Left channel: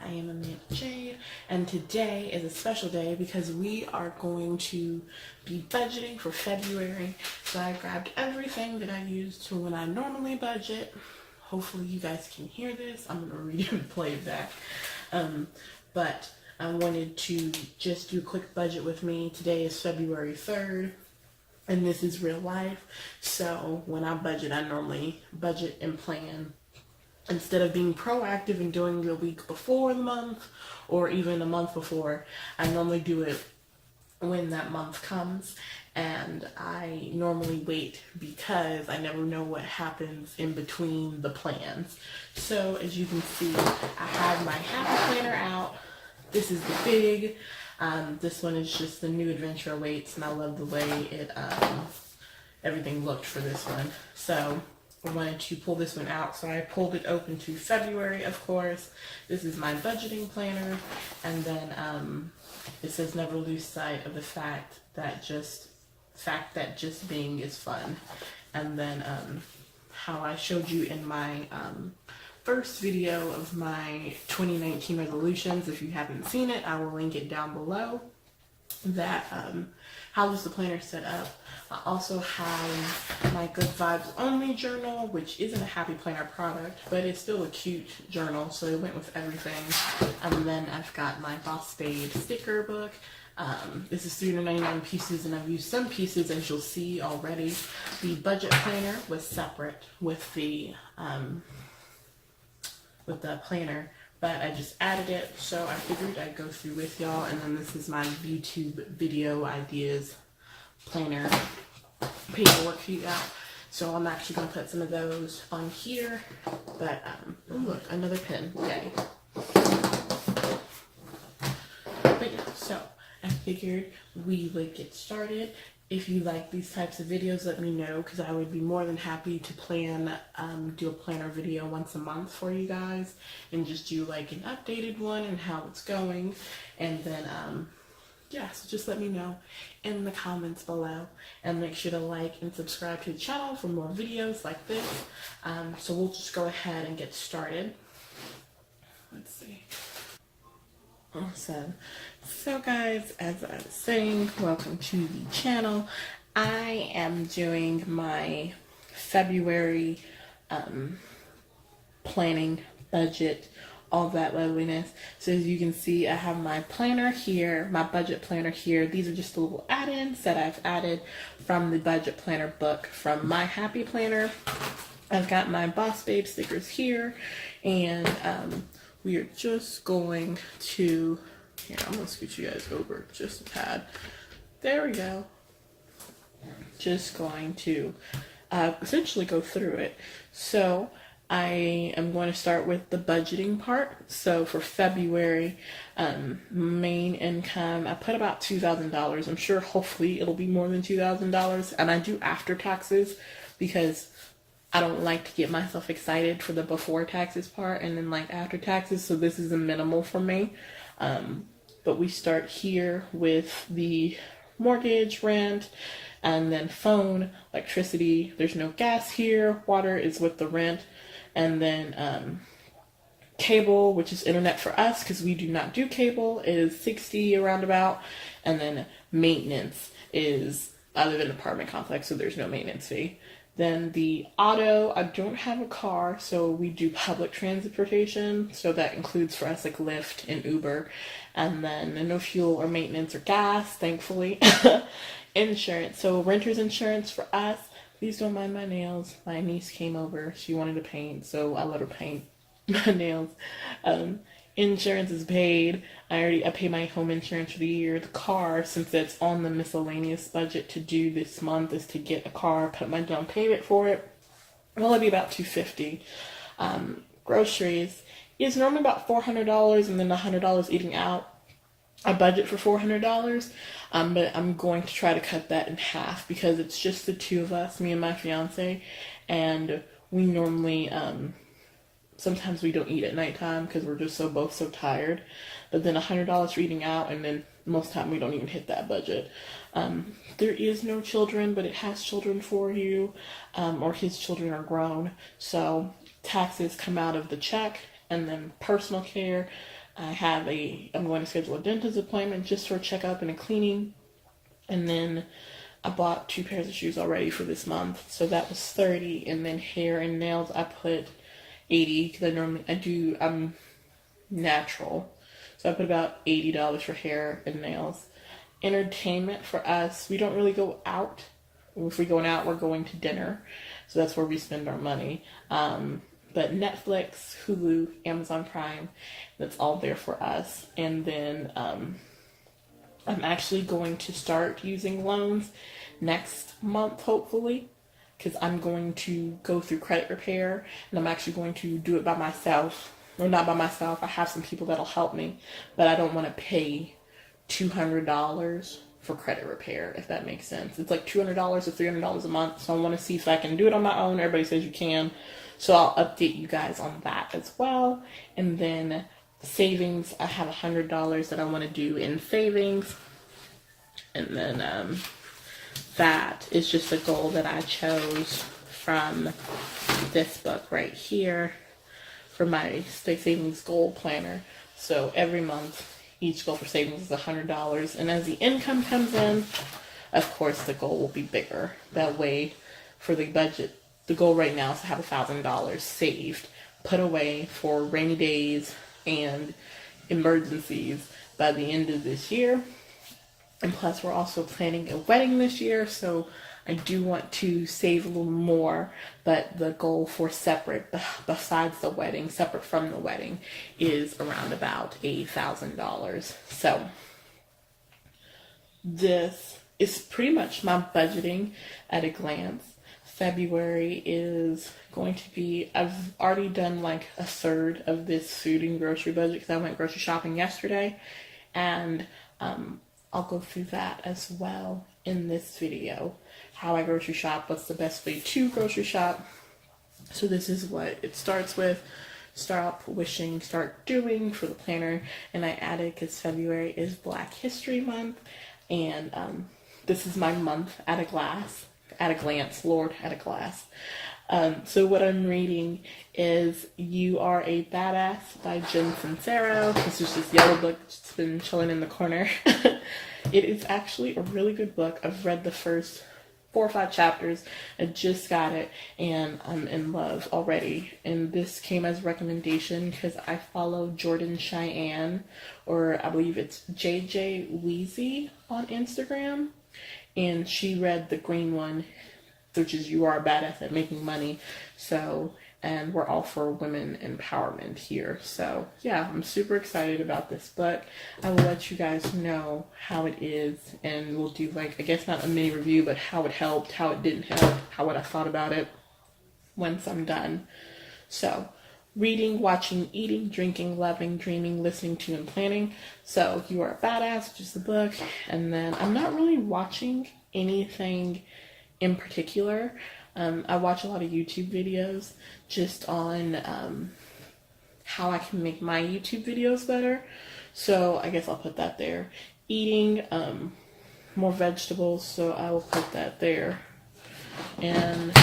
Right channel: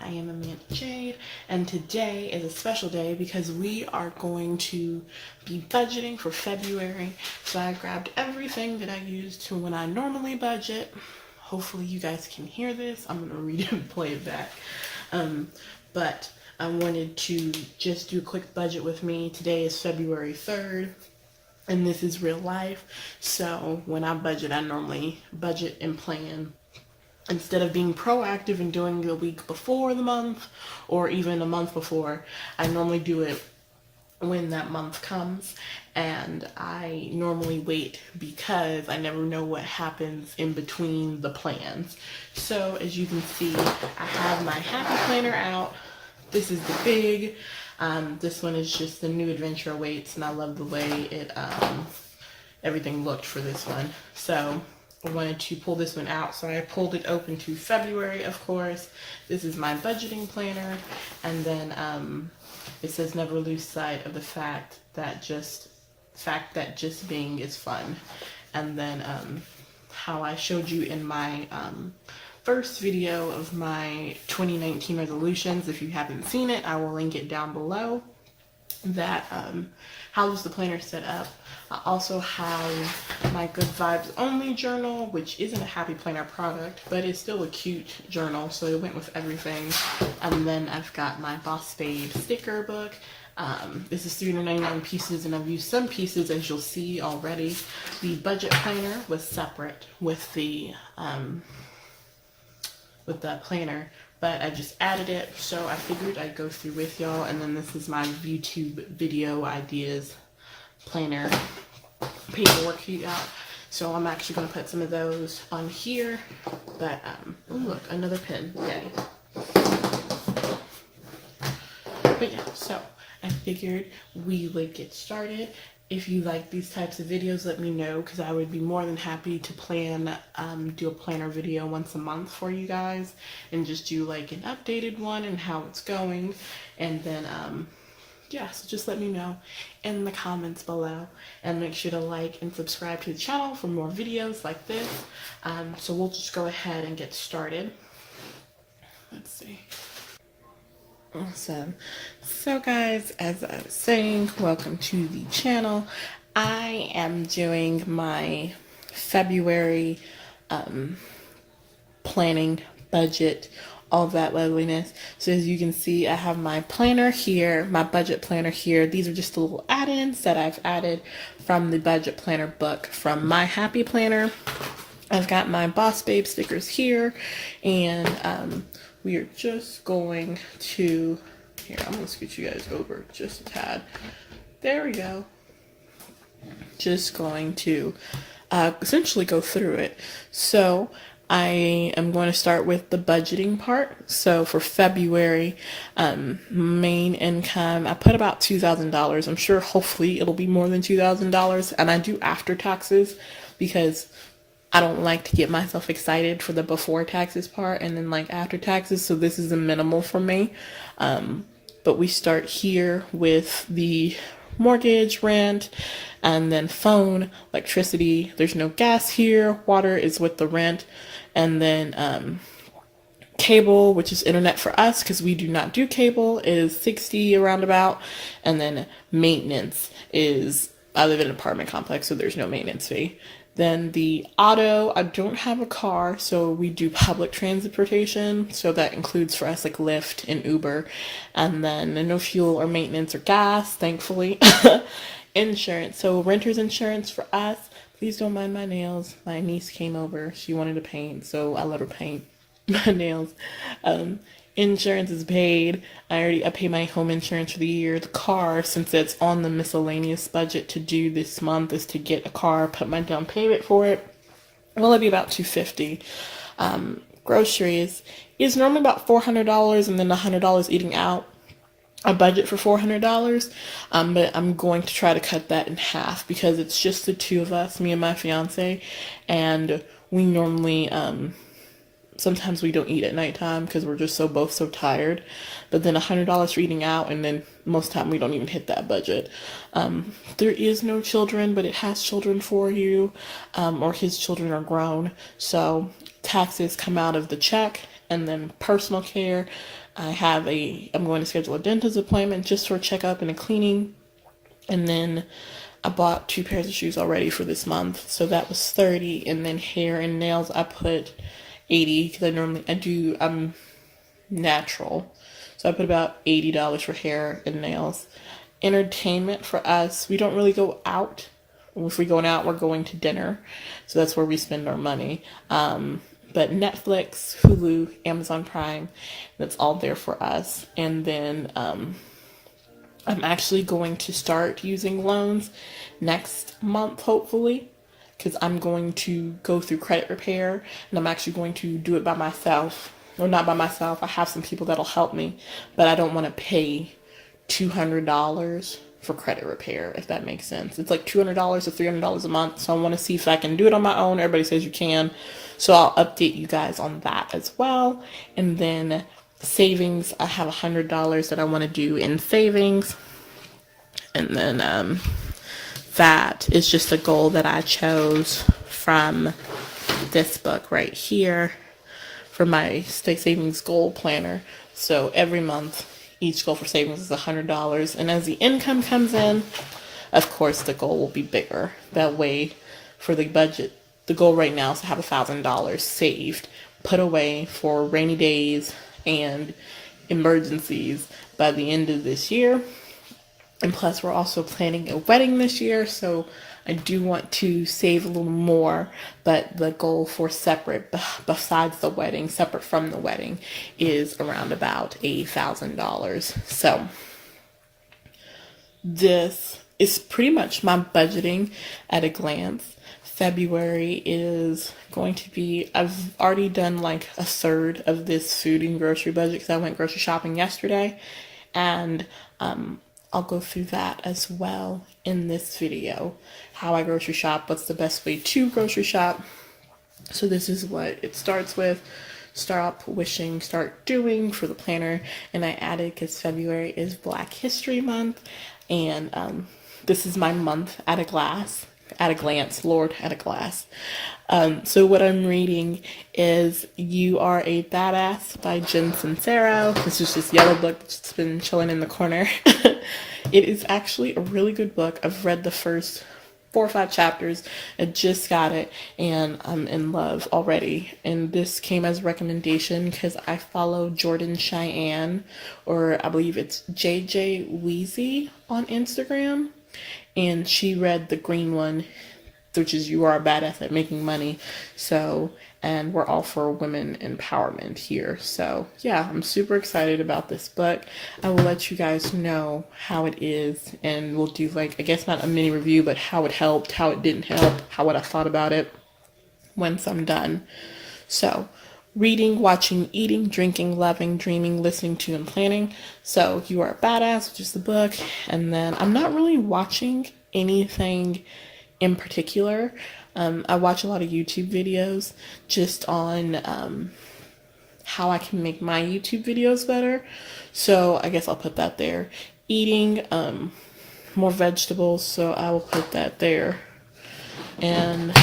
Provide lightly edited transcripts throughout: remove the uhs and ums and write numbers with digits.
I am Amanda Jade, and today is a special day because we are going to be budgeting for February. So I grabbed everything that I use to when I normally budget. Hopefully you guys can hear this. I'm going to read it and play it back. But I wanted to just do a quick budget with me. Today is February 3rd. And this is real life. So when I budget, I normally budget and plan instead of being proactive and doing it a week before the month or even a month before. I normally do it when that month comes, and I normally wait because I never know what happens in between the plans. So as you can see, I have my happy planner out. This is the big. This one is just the new Adventure Awaits, and I love the way it everything looked for this one. So I wanted to pull this one out, so I pulled it open to February, of course. This is my budgeting planner, and then it says never lose sight of the fact that just being is fun. And then how I showed you in my first video of my 2019 resolutions. If you haven't seen it, I will link it down below. That how is the planner set up. I also have my Good Vibes Only journal, which isn't a Happy Planner product, but it's still a cute journal, so it went with everything. And then I've got my Boss Babe sticker book. This is 399 pieces, and I've used some pieces, as you'll see already. The budget planner was separate with the planner, but I just added it, so I figured I'd go through with y'all. And then this is my YouTube video ideas planner paperwork sheet out, so I'm actually going to put some of those on here. But oh look, another pen. Yay. But yeah, so I figured we would get started. If you like these types of videos, let me know, because I would be more than happy to do a planner video once a month for you guys, and just do like an updated one and how it's going. And then yeah, so just let me know in the comments below, and make sure to like and subscribe to the channel for more videos like this. So we'll just go ahead and get started. Let's see. Awesome. So guys, as I was saying, welcome to the channel. I am doing my February planning, budget, all of that loveliness. So as you can see, I have my planner here, my budget planner here. These are just the little add-ins that I've added from the budget planner book from My Happy Planner. I've got my Boss Babe stickers here, and we are just going to, here, I'm going to scoot you guys over just a tad. There we go. Just going to essentially go through it. So I am going to start with the budgeting part. So for February, main income, I put about $2,000. I'm sure hopefully it'll be more than $2,000. And I do after taxes because I don't like to get myself excited for the before taxes part and then like after taxes. So this is a minimal for me. But we start here with the mortgage, rent, and then phone, electricity. There's no gas here. Water is with the rent. And then cable, which is internet for us because we do not do cable, is 60 around about. And then maintenance is, I live in an apartment complex, so there's no maintenance fee. Then the auto, I don't have a car, so we do public transportation. So that includes for us like Lyft and Uber. And then no fuel or maintenance or gas, thankfully. Insurance, so renter's insurance for us. Please don't mind my nails. My niece came over. She wanted to paint, so I let her paint my nails. Insurance is paid. I pay my home insurance for the year. The car, since it's on the miscellaneous budget to do this month, is to get a car, put my down payment for it. Will it be about $250? Groceries is normally about $400, and then $100 eating out. I budget for $400, but I'm going to try to cut that in half because it's just the two of us, me and my fiance, and we normally sometimes we don't eat at nighttime because we're just both so tired. But then $100 for eating out, and then most time we don't even hit that budget. There is no children, but it has children for you, or his children are grown. So taxes come out of the check, and then personal care. I'm going to schedule a dentist appointment just for a checkup and a cleaning. And then I bought 2 pairs of shoes already for this month. So that was 30. And then hair and nails, I put 80 because I'm natural. So I put about $80 for hair and nails. Entertainment for us, we don't really go out. If we're going out, we're going to dinner. So that's where we spend our money. But Netflix, Hulu, Amazon Prime, that's all there for us. And then I'm actually going to start using loans next month, hopefully, because I'm going to go through credit repair, and I'm actually going to do it by myself. Well, not by myself. I have some people that'll help me, but I don't want to pay $200 for credit repair, if that makes sense. It's like $200 or $300 a month, so I want to see if I can do it on my own. Everybody says you can, so I'll update you guys on that as well. And then savings, I have $100 that I want to do in savings, and then that is just a goal that I chose from this book right here for my state savings goal planner. So every month, each goal for savings is $100. And as the income comes in, of course, the goal will be bigger. That way, for the budget, the goal right now is to have $1,000 saved, put away for rainy days and emergencies by the end of this year. And plus, we're also planning a wedding this year, so I do want to save a little more, but the goal for separate, besides the wedding, separate from the wedding, is around about $8,000. So this is pretty much my budgeting at a glance. February is going to be, I've already done like a third of this food and grocery budget because I went grocery shopping yesterday, and I'll go through that as well in this video. How I grocery shop, what's the best way to grocery shop. So this is what it starts with. Start wishing, start doing for the planner. And I added, because February is Black History Month. And this is my month at a glance. So what I'm reading is You Are a Badass by Jen Sincero. This is this yellow book that's been chilling in the corner. It is actually a really good book. I've read the first 4 or 5 chapters. I just got it and I'm in love already. And this came as a recommendation because I follow Jordan Cheyenne, or I believe it's JJ Weezy on Instagram. And she read the green one, which is You Are a Badass at Making Money. So, and we're all for women empowerment here. So yeah, I'm super excited about this book. I will let you guys know how it is, and we'll do like, I guess not a mini review, but how it helped, how it didn't help, what I thought about it once I'm done. So reading, watching, eating, drinking, loving, dreaming, listening to, and planning. So You Are a Badass, which is the book. And then I'm not really watching anything in particular. I watch a lot of YouTube videos just on how I can make my YouTube videos better. So I guess I'll put that there. Eating more vegetables, so I will put that there. And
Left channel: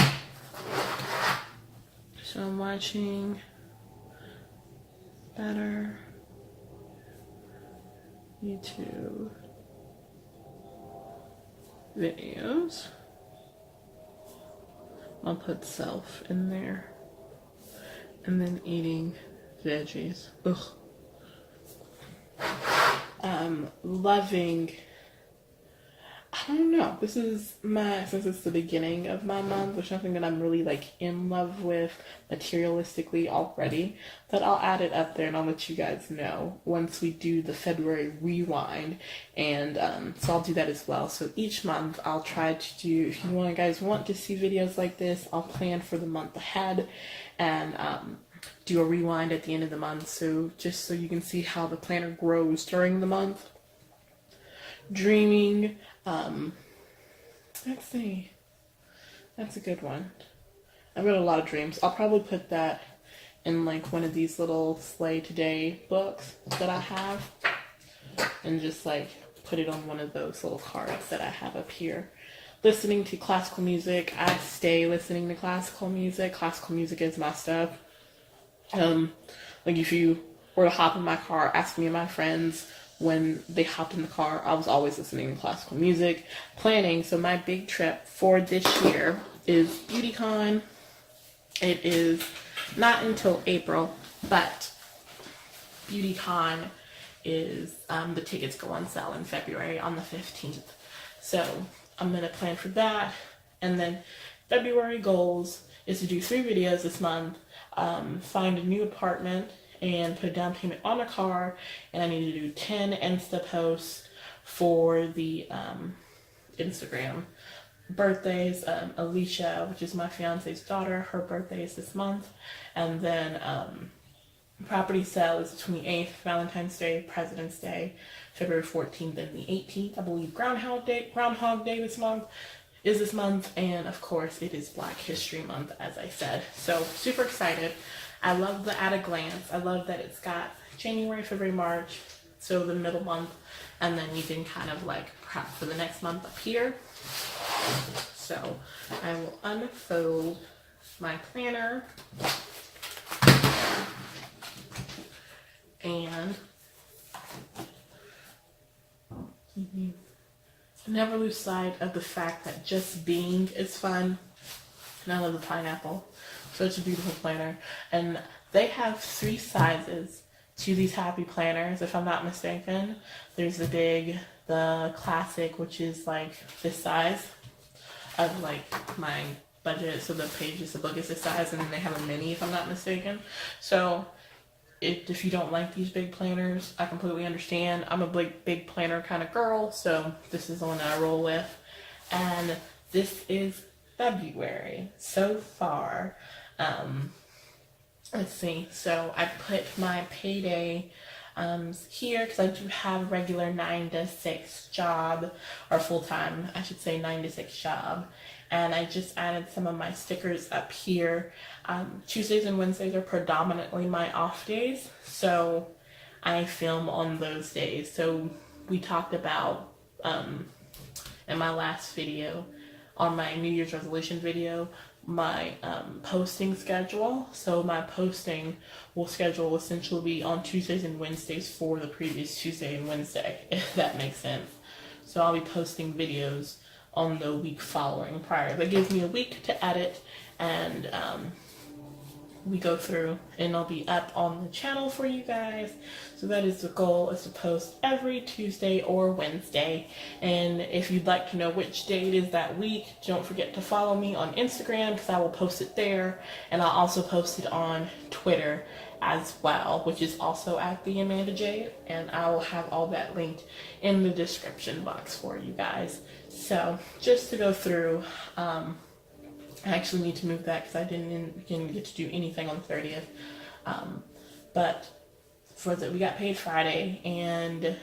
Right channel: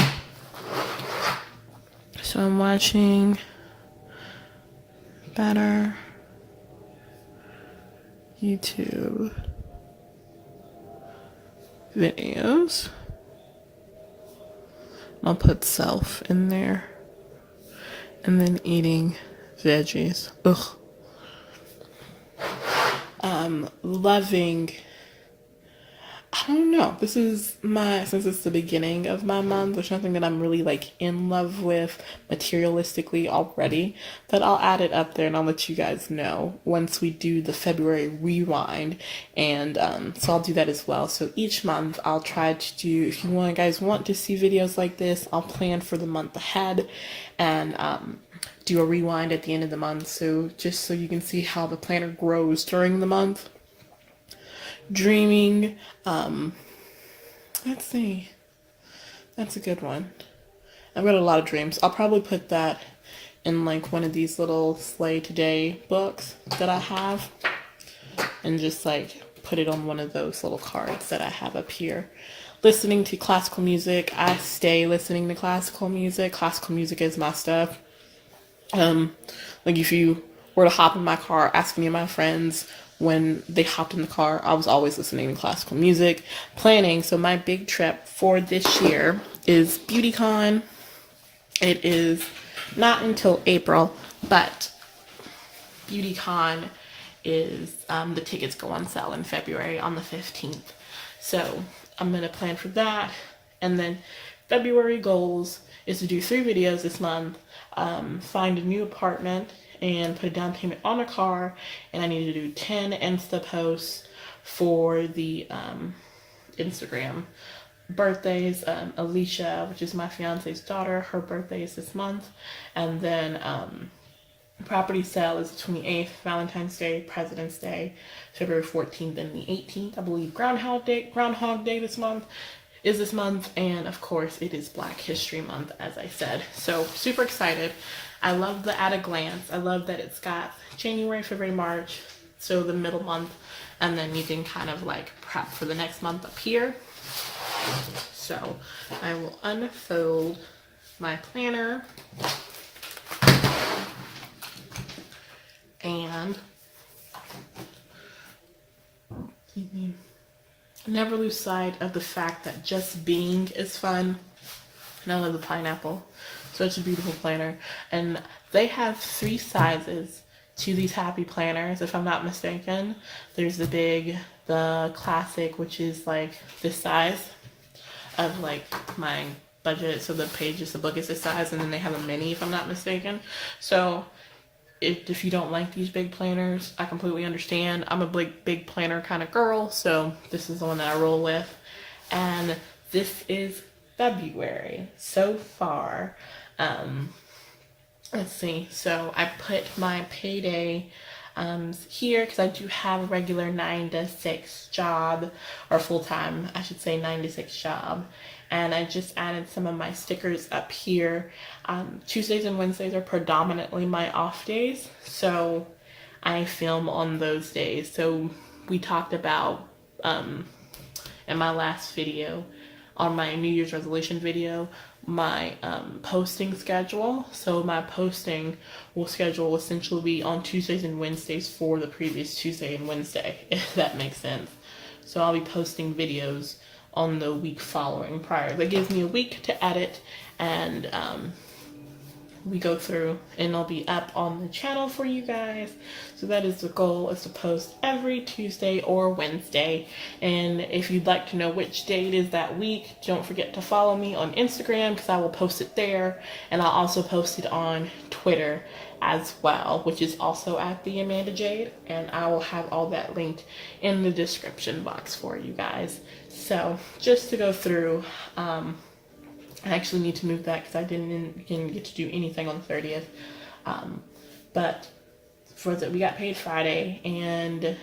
so I'm watching better YouTube videos. I'll put self in there. And then eating veggies. Ugh. Loving, I don't know. This is since it's the beginning of my month, there's nothing that I'm really like in love with materialistically already, but I'll add it up there and I'll let you guys know once we do the February rewind. And so I'll do that as well. So each month I'll try to do, if you guys want to see videos like this, I'll plan for the month ahead and do a rewind at the end of the month. So just so you can see how the planner grows during the month. Dreaming, let's see, that's a good one. I've got a lot of dreams. I'll probably put that in like one of these little Slay Today books that I have, and just like put it on one of those little cards that I have up here. Listening to classical music, I stay listening to classical music. Classical music is my stuff. Like if you were to hop in my car, ask me and my friends when they hopped in the car, I was always listening to classical music, planning. So my big trip for this year is BeautyCon. It is not until April, but BeautyCon is, the tickets go on sale in February on the 15th. So I'm going to plan for that. And then February goals is to do 3 videos this month, find a new apartment, and put a down payment on a car. And I need to do 10 Insta posts for the Instagram. Birthdays, Alicia, which is my fiance's daughter, her birthday is this month. And then property sale is the 28th, Valentine's Day, President's Day, February 14th and the 18th. I believe Groundhog Day this month is this month. And of course it is Black History Month, as I said. So super excited. I love the at a glance. I love that it's got January, February, March, so the middle month, and then you can kind of like prep for the next month up here. So I will unfold my planner and never lose sight of the fact that just being is fun. And I love the pineapple. Such a beautiful planner. And they have 3 sizes to these happy planners, if I'm not mistaken. There's the big, the classic, which is like this size of like my budget. So the pages, the book is this size, and then they have a mini, if I'm not mistaken. So if you don't like these big planners, I completely understand. I'm a big planner kind of girl, so this is the one that I roll with. And this is February so far. Let's see. So I put my payday here because I do have a regular 9 to 6 job, or full-time, I should say, 9 to 6 job. And I just added some of my stickers up here. Tuesdays and Wednesdays are predominantly my off days, so I film on those days. So we talked about in my last video, on my New Year's resolution video, my posting schedule. So my posting will schedule essentially be on Tuesdays and Wednesdays for the previous Tuesday and Wednesday, if that makes sense. So I'll be posting videos on the week following prior. That gives me a week to edit, and we go through, and it'll be up on the channel for you guys. So that is the goal, is to post every Tuesday or Wednesday. And if you'd like to know which day it is that week, don't forget to follow me on Instagram, because I will post it there, and I'll also post it on Twitter as well, which is also at the Amanda Jade, and I will have all that linked in the description box for you guys. So just to go through, I actually need to move that because I didn't get to do anything on the 30th. But we got paid Friday, and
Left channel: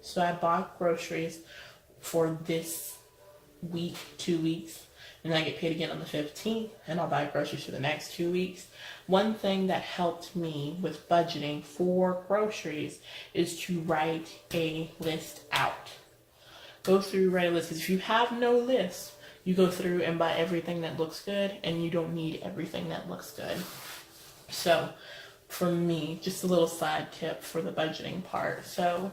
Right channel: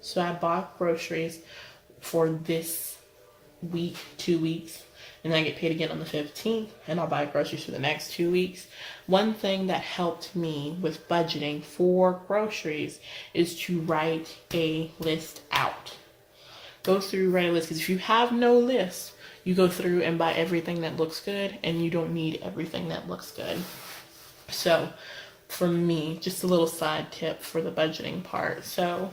so I bought groceries for this week, 2 weeks, and I get paid again on the 15th, and I'll buy groceries for the next 2 weeks. One thing that helped me with budgeting for groceries is to write a list out. Go through, write a list, because if you have no list, you go through and buy everything that looks good, and you don't need everything that looks good. So for me, just a little side tip for the budgeting part. So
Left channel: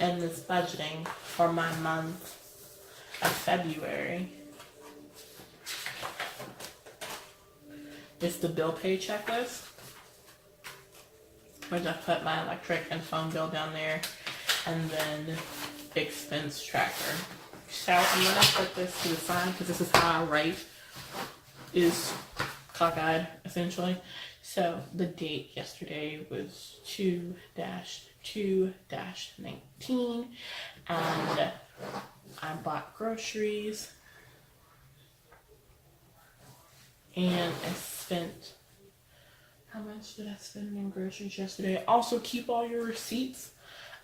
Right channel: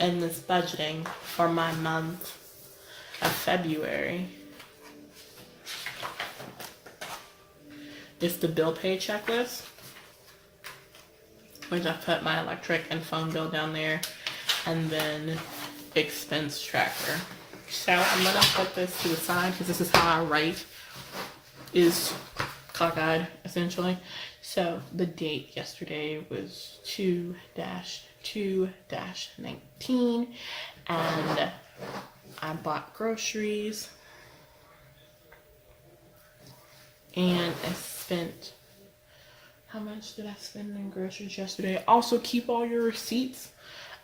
in this budgeting for my month of February, it's the bill pay checklist, which I put my electric and phone bill down there, and then expense tracker. So I'm gonna put this to the side because this is how I write, is cockeyed essentially. So the date yesterday was 2-2-19, and I bought groceries, and I spent, how much did I spend on groceries yesterday? Also, keep all your receipts.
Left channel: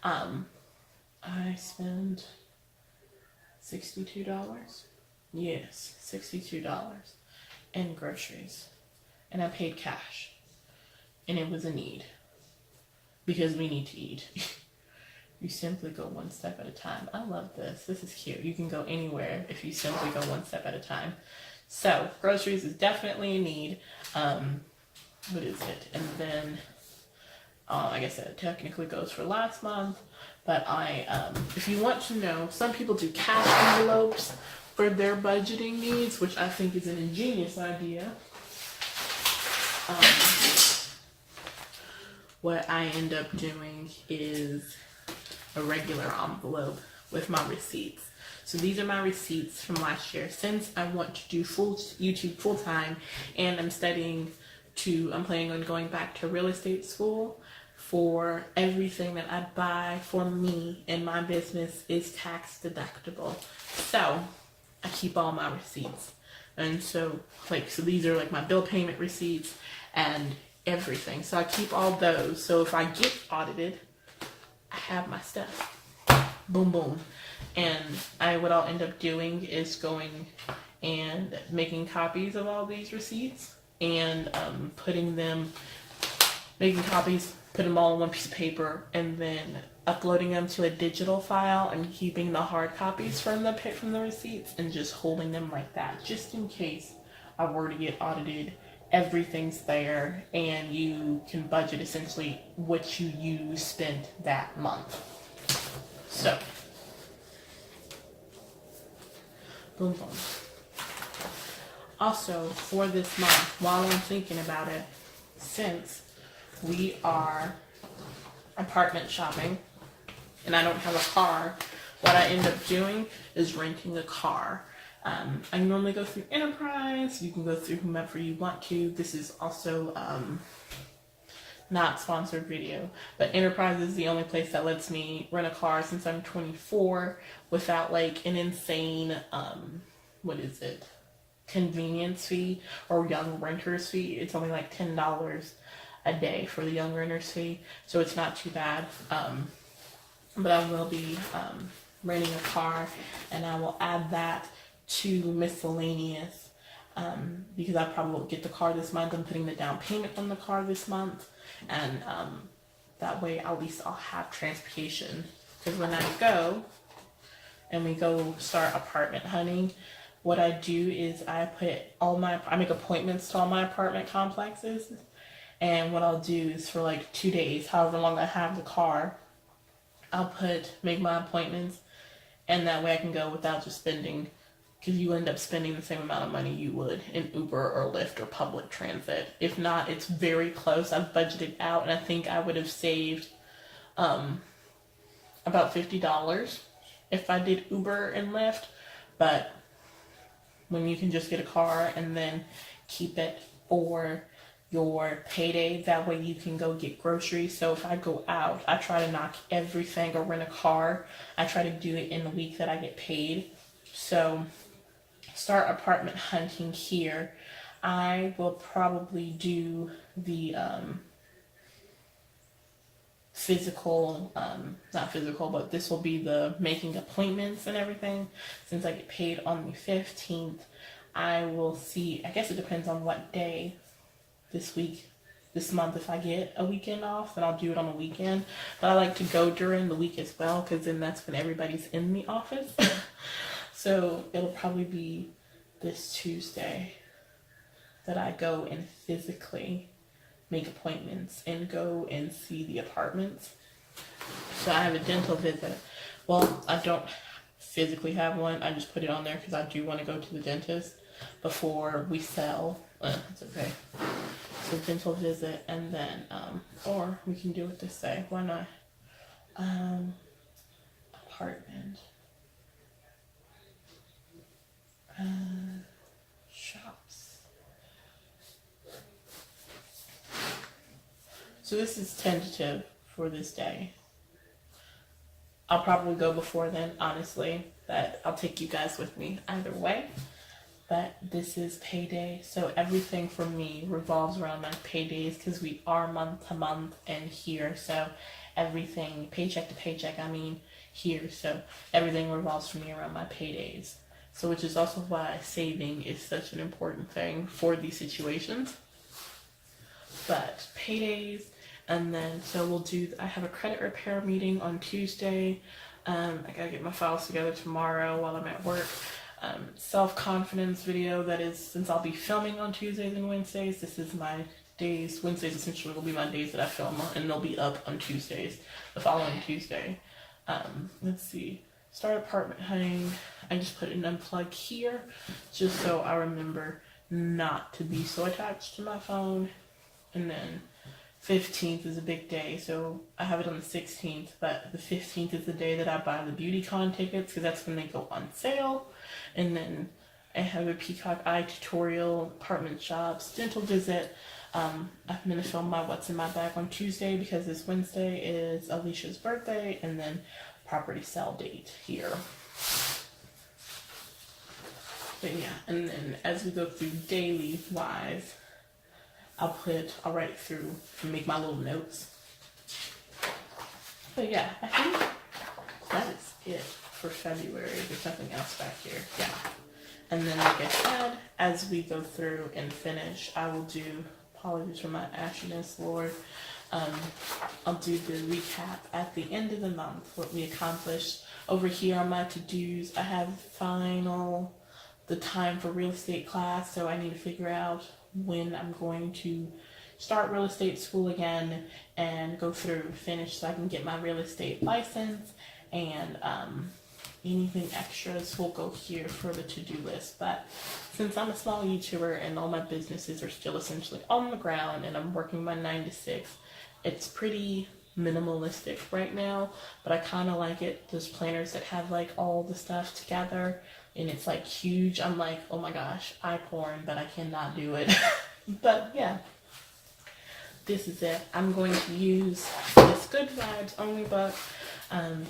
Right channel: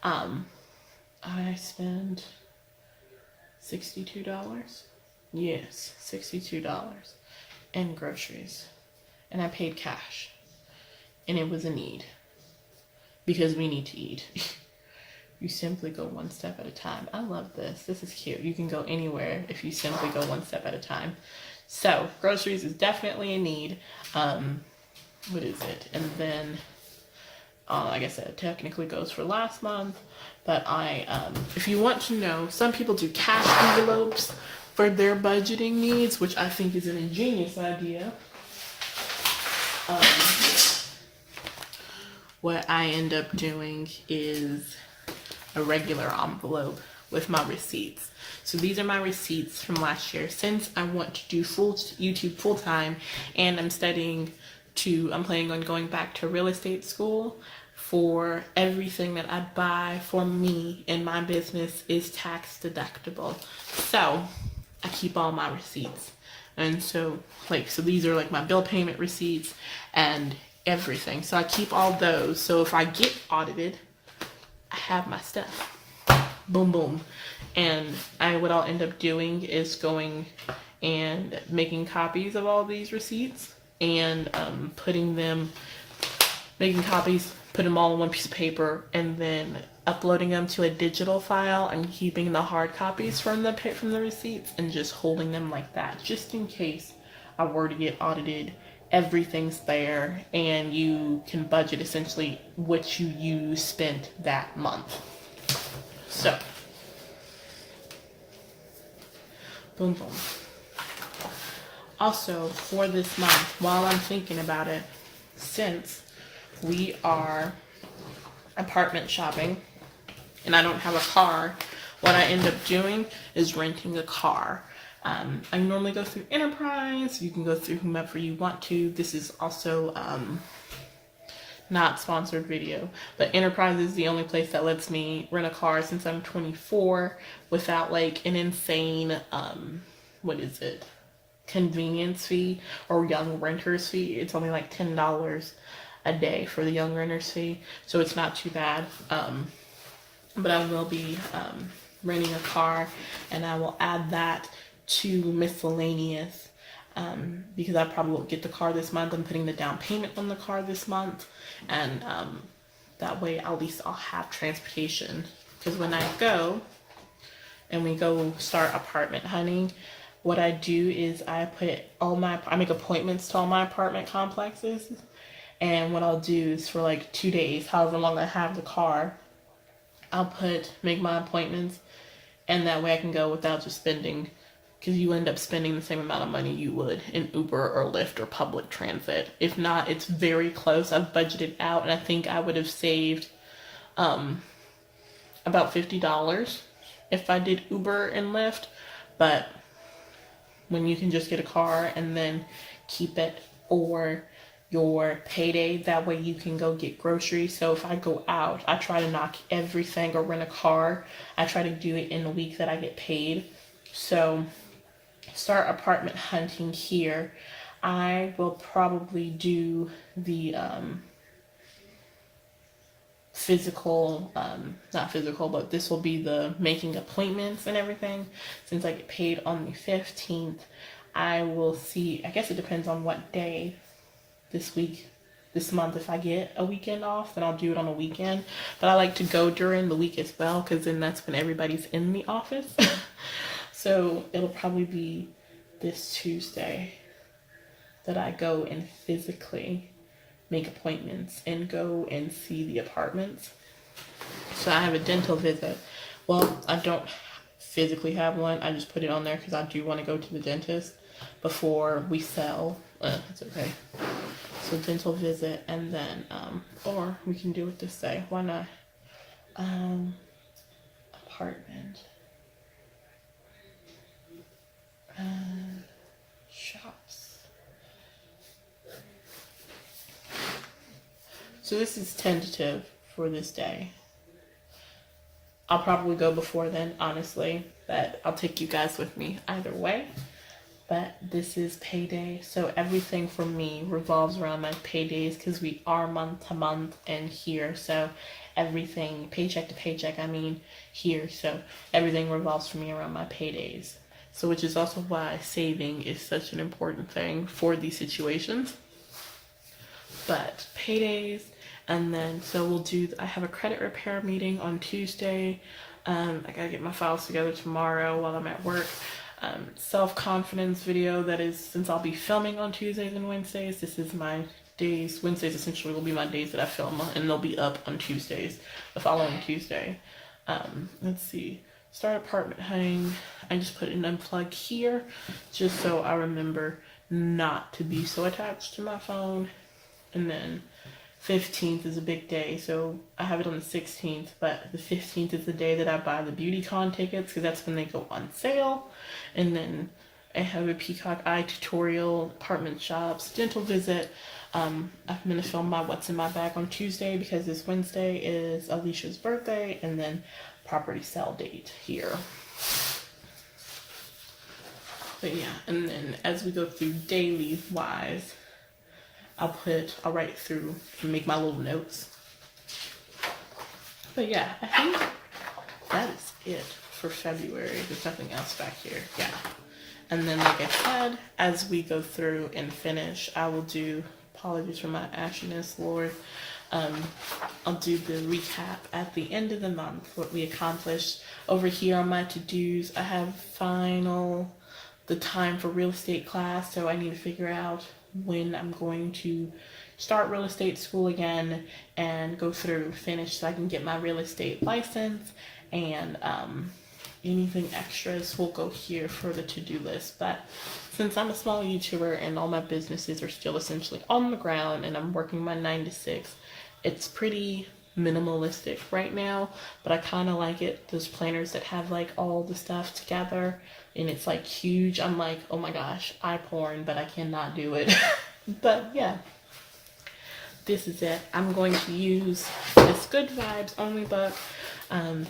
I spent $62. Yes, $62 in groceries. And I paid cash. And it was a need. Because we need to eat. You simply go one step at a time. I love this. This is cute. You can go anywhere if you simply go one step at a time. So, groceries is definitely a need. What is it? And then I guess it technically goes for last month, but if you want to know, some people do cash envelopes for their budgeting needs, which I think is an ingenious idea. What I end up doing is a regular envelope with my receipts. So these are my receipts from last year. Since I want to do YouTube full time, and I'm planning on going back to real estate school. For everything that I buy for me and my business is tax deductible. So I keep all my receipts. And so these are like my bill payment receipts and everything. So I keep all those. So if I get audited, I have my stuff. Boom, boom. And what I'll end up doing is going and making copies of all these receipts and making copies, put them all on one piece of paper, and then uploading them to a digital file and keeping the hard copies from the receipts and just holding them like that, just in case I were to get audited. Everything's there, and you can budget essentially what you spent that month. So, boom, boom. Also, for this month, while I'm thinking about it, since we are apartment shopping and I don't have a car, what I end up doing is renting a car. I normally go through Enterprise. You can go through whomever you want to. This is also not sponsored video, but Enterprise is the only place that lets me rent a car since I'm 24 without an insane convenience fee or young renters fee. It's only $10 a day for the young renters fee, so it's not too bad. But I will be renting a car, and I will add that to miscellaneous because I probably won't get the car this month. I'm putting the down payment on the car this month, and that way at least I'll have transportation. Because when I go and we go start apartment hunting, what I do is I make appointments to all my apartment complexes, and what I'll do is for 2 days, however long I have the car, I'll make my appointments, and that way I can go without just spending, because you end up spending the same amount of money you would in Uber or Lyft or public transit. If not, it's very close. I've budgeted out, and I think I would have saved about $50 if I did Uber and Lyft. But when you can just get a car and then keep it for your payday, that way you can go get groceries. So if I go out, I try to knock everything or rent a car. I try to do it in the week that I get paid. So start apartment hunting here. I will probably do the not physical, but this will be the making appointments and everything. Since I get paid on the 15th, I will see, I guess it depends on what day this month. If I get a weekend off, then I'll do it on a weekend. But I like to go during the week as well, because then that's when everybody's in the office. So it'll probably be this Tuesday that I go and physically make appointments and go and see the apartments. So I have a dental visit. Well, I don't physically have one. I just put it on there because I do want to go to the dentist before we sell. It's okay. So dental visit, and then or we can do it this day. Why not? Apartment. Shops. So this is tentative for this day. I'll probably go before then, honestly, but I'll take you guys with me either way. But this is payday, so everything for me revolves around my paydays, because we are month to month and here, so everything, paycheck to paycheck, here, so everything revolves for me around my paydays. So which is also why saving is such an important thing for these situations. But paydays, and then so I have a credit repair meeting on Tuesday. I gotta get my files together tomorrow while I'm at work. Self-confidence video, that is, since I'll be filming on Tuesdays and Wednesdays, this is my days. Wednesdays essentially will be my days that I film, and they'll be up on Tuesdays, the following Tuesday. Let's see. Start apartment hunting. I just put an unplug here just so I remember not to be so attached to my phone. And then 15th is a big day, so I have it on the 16th, but the 15th is the day that I buy the BeautyCon tickets because that's when they go on sale. And then I have a Peacock Eye tutorial, apartment shops, dental visit. I'm going to film my What's in My Bag on Tuesday because this Wednesday is Alicia's birthday, and then property sale date here. But yeah, and then as we go through daily wise, I'll write through and make my little notes. But yeah, I think that is it for February. There's nothing else back here. Yeah. And then like I said, as we go through and finish, I will do, apologies for my ashiness, Lord. I'll do the recap at the end of the month, what we accomplished. Over here on my to-dos, I have the time for real estate class, so I need to figure out when I'm going to start real estate school again and go through and finish so I can get my real estate license. And anything extras will go here for the to-do list. But since I'm a small YouTuber and all my businesses are still essentially on the ground and I'm working my 9 to 6, it's pretty minimalistic right now, but I kind of like it. Those planners that have like all the stuff together and it's like huge. I'm like, oh my gosh, eye porn, but I cannot do it. But yeah, this is it. I'm going to use this Good Vibes Only book,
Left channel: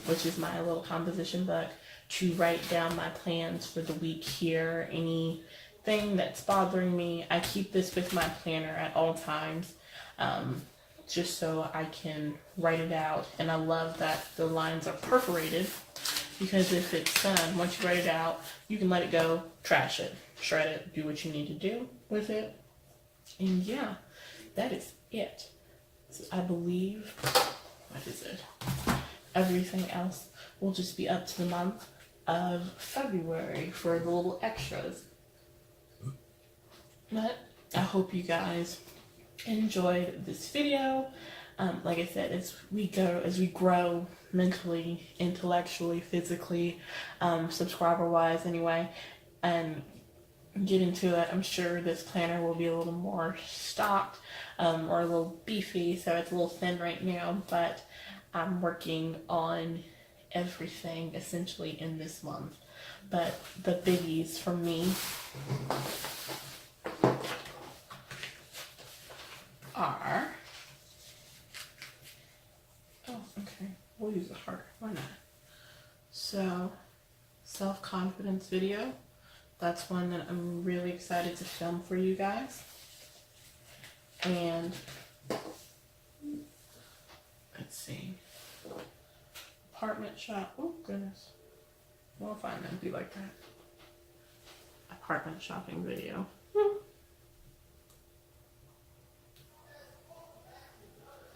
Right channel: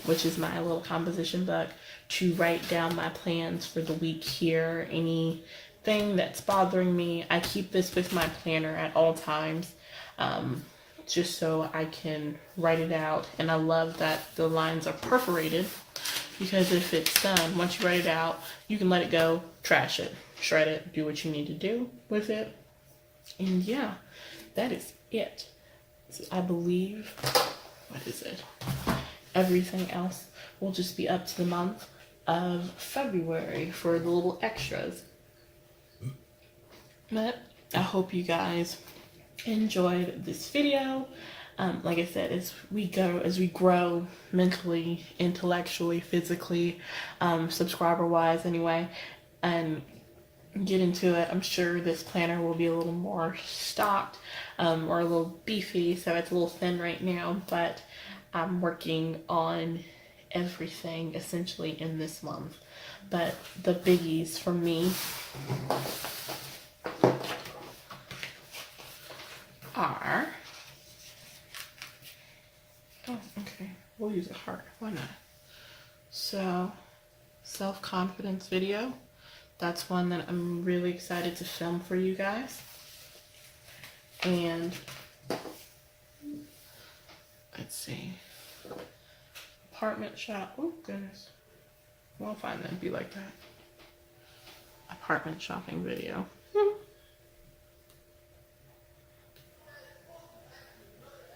which is my little composition book, to write down my plans for the week here. Anything that's bothering me, I keep this with my planner at all times. Just so I can write it out. And I love that the lines are perforated because if it's done, once you write it out, you can let it go, trash it, shred it, do what you need to do with it. And yeah, that is it. So I believe, what is it? Everything else will just be up to the month of February for the little extras. But I hope you guys enjoyed this video. Like I said, as we grow mentally, intellectually, physically, subscriber wise anyway, and get into it, I'm sure this planner will be a little more stocked, or a little beefy, so it's a little thin right now, but I'm working on everything essentially in this month. But the biggies for me are, we'll use a heart, why not? So, self-confidence video, that's one that I'm really excited to film for you guys. And let's see, apartment shop, oh goodness, we'll find that be like that. Apartment shopping video.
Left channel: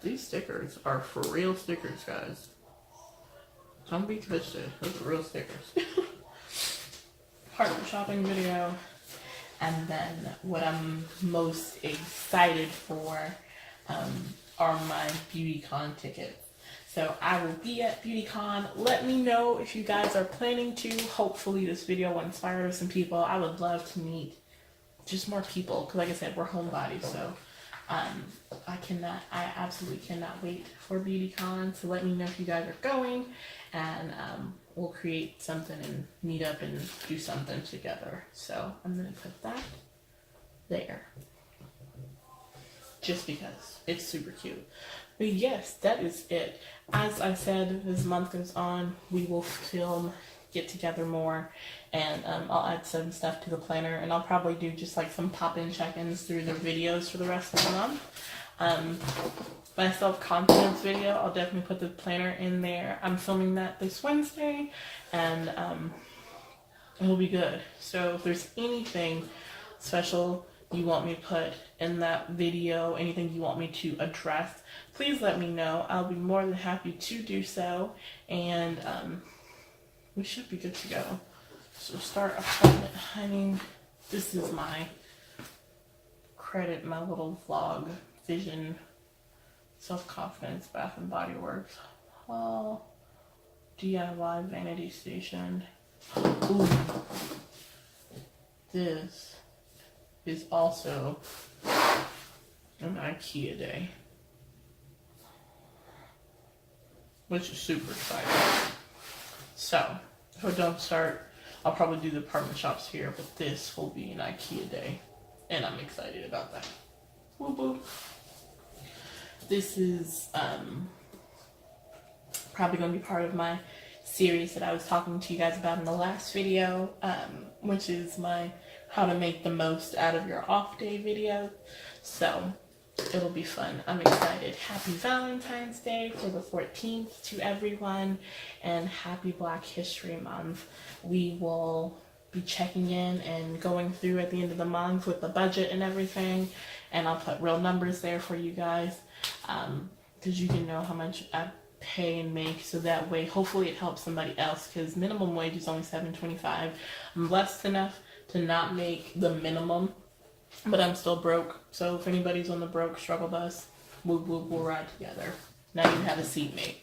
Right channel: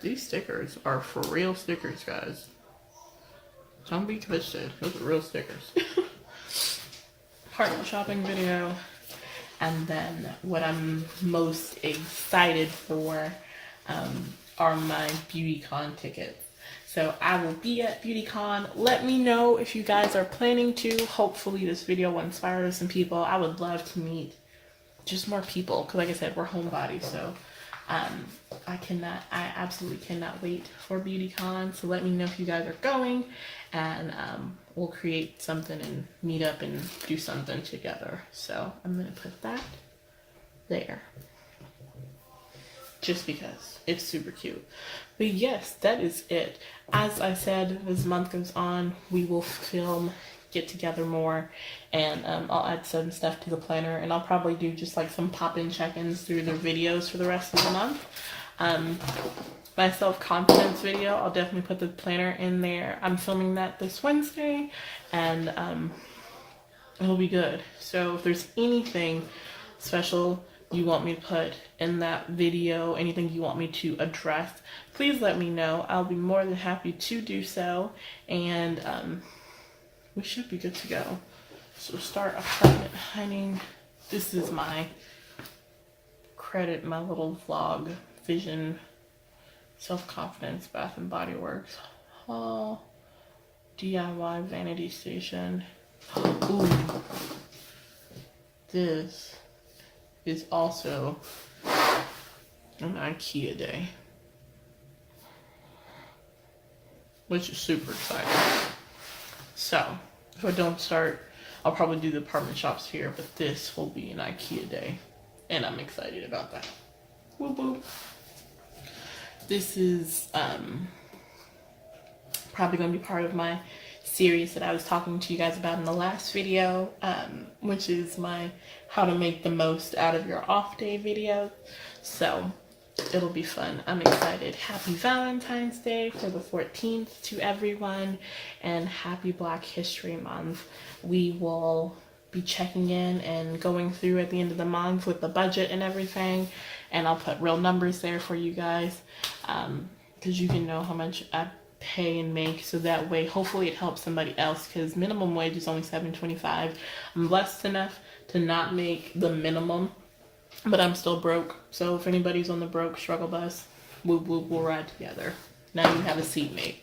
These stickers are for real stickers, guys. Don't be twisted. Those are real stickers. Apartment shopping video. And then what I'm most excited for are my BeautyCon tickets. So I will be at BeautyCon. Let me know if you guys are planning to. Hopefully this video will inspire some people. I would love to meet just more people. Because like I said, we're homebodies. So I absolutely cannot wait for BeautyCon. So let me know if you guys are going. And we'll create something and meet up and do something together. So I'm going to put that there. Just because it's super cute. But yes, that is it. As I said, as the month goes on, we will film, get together more, and I'll add some stuff to the planner, and I'll probably do just like some pop-in check-ins through the videos for the rest of the month. My self-confidence video, I'll definitely put the planner in there. I'm filming that this Wednesday, and it'll be good. So if there's anything special you want me to put in that video, anything you want me to address, please let me know. I'll be more than happy to do so, and we should be good to go. So start apartment hunting. This is my credit my little vlog, Vision, Self-Confidence, Bath and Body Works, haul, DIY vanity station. Ooh, this is also an IKEA day, which is super exciting. So, if I don't start, I'll probably do the apartment shops here, but this will be an IKEA day, and I'm excited about that. Whoop whoop. This is probably going to be part of my series that I was talking to you guys about in the last video, which is my how to make the most out of your off day video. So it'll be fun. I'm excited. Happy Valentine's Day for the 14th to everyone, and happy Black History Month. We will be checking in and going through at the end of the month with the budget and everything, and I'll put real numbers there for you guys, because you can know how much I pay and make, so that way hopefully it helps somebody else, because minimum wage is only $7.25. I'm blessed enough to not make the minimum, but I'm still broke. So if anybody's on the broke struggle bus, we'll ride together. Now you have a seatmate.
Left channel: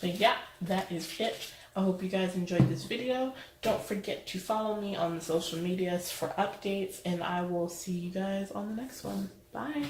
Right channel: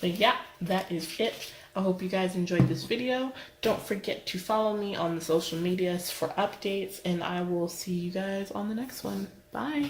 But yeah, that is it. I hope you guys enjoyed this video. Don't forget to follow me on the social medias for updates, and I will see you guys on the next one. Bye.